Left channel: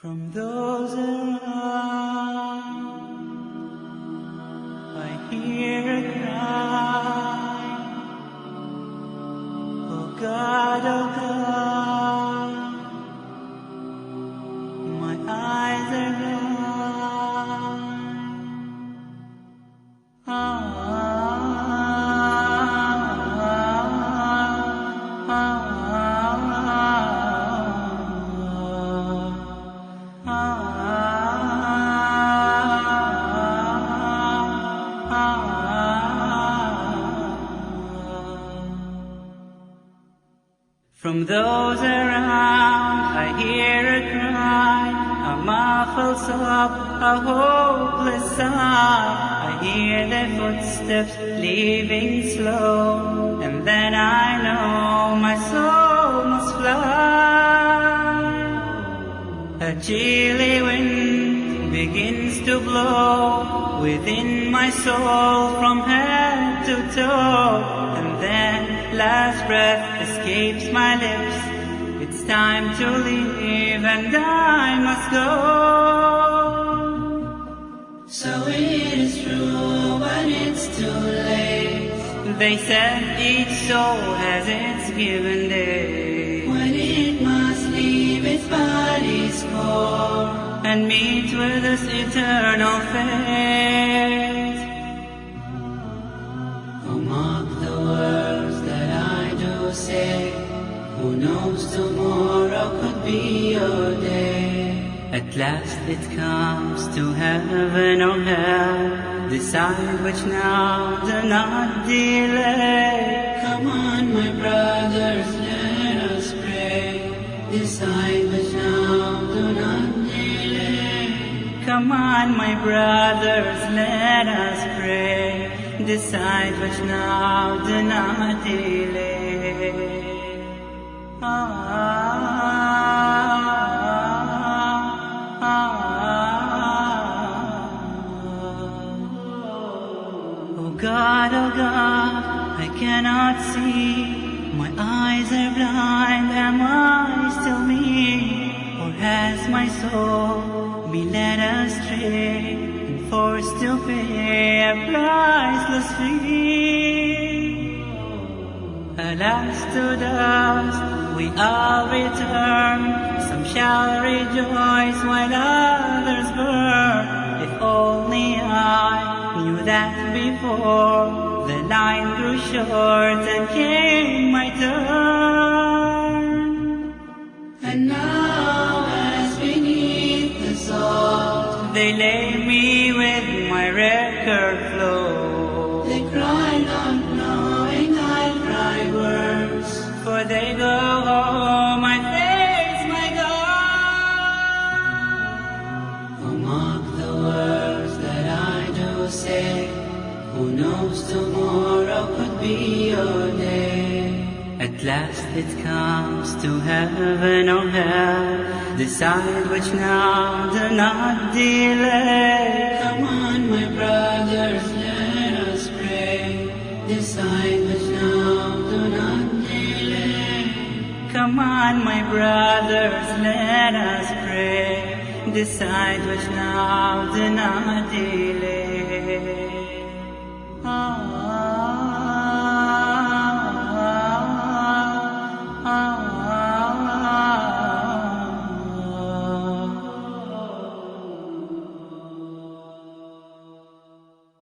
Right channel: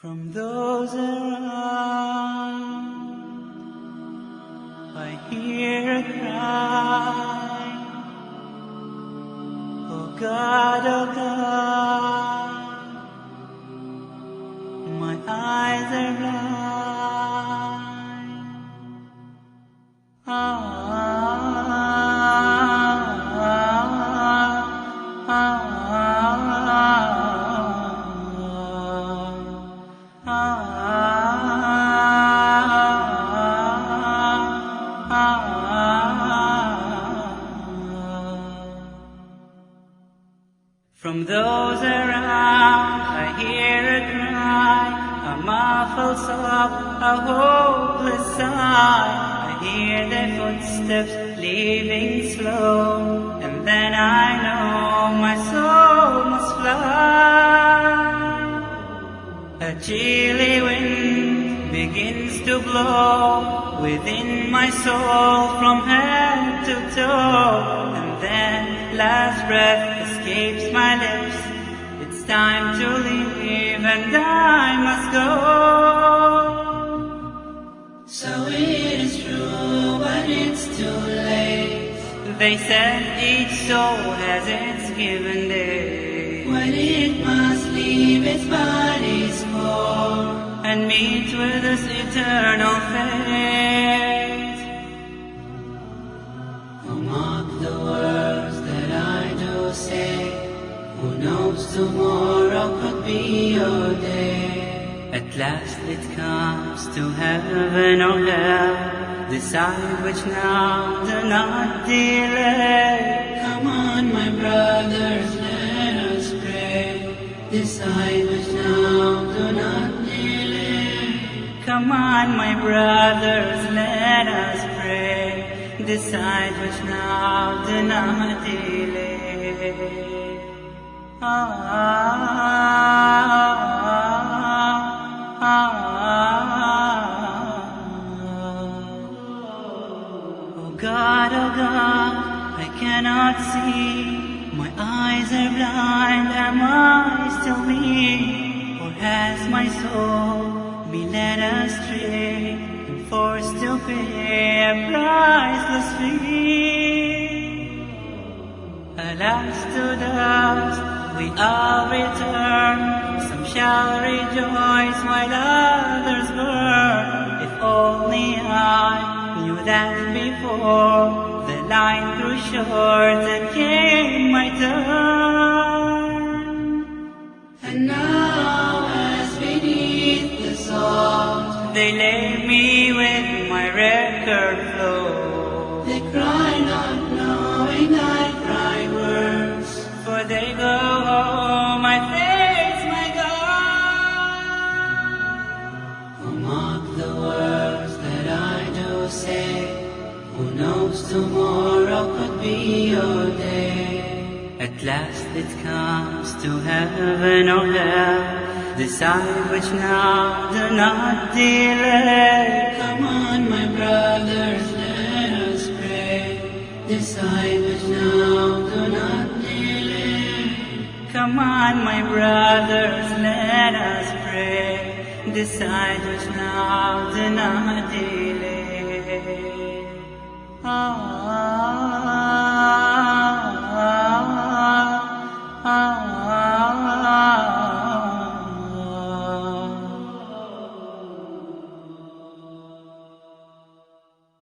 From those around, I hear a cry. Oh God, my eyes are From those around, I hear a cry, a muffled sob, a hopeless sigh. I hear their footsteps leaving slow, and then I know my soul must fly. A chilly wind begins to blow within my soul from head to toe, and then last breath escapes my lips. It's time to leave and I must go. So it is true, but it's too late. They said each soul has its given day, when it must leave its body's core and meet with this eternal fate. Oh, mark the words that I do say. Who knows tomorrow could be your day. At last it comes to heaven or hell. Decide which now, do not delay. Come on, my brothers, let us pray. Decide which now, do not delay. Come on, my brothers, let us pray. Decide which now, do not delay. Oh God, I cannot see. My eyes are blind, am I still me? Or has my soul been led astray and forced to pay a priceless fee? Alas, to dust we all return. Some shall rejoice while others burn. If only I knew that before the line grew short and came my turn. And now as beneath the salt they lay me with my record flow. They cry not knowing I cry words, for they go, oh my face, my God. Oh, mark the words that I do say. Who knows tomorrow could be your day. At last it comes to heaven or hell. Decide which now, do not delay. Come on, my brothers, let us pray. Decide which now, do not delay. Come on, my brothers, let us pray. Decide which now, do not delay.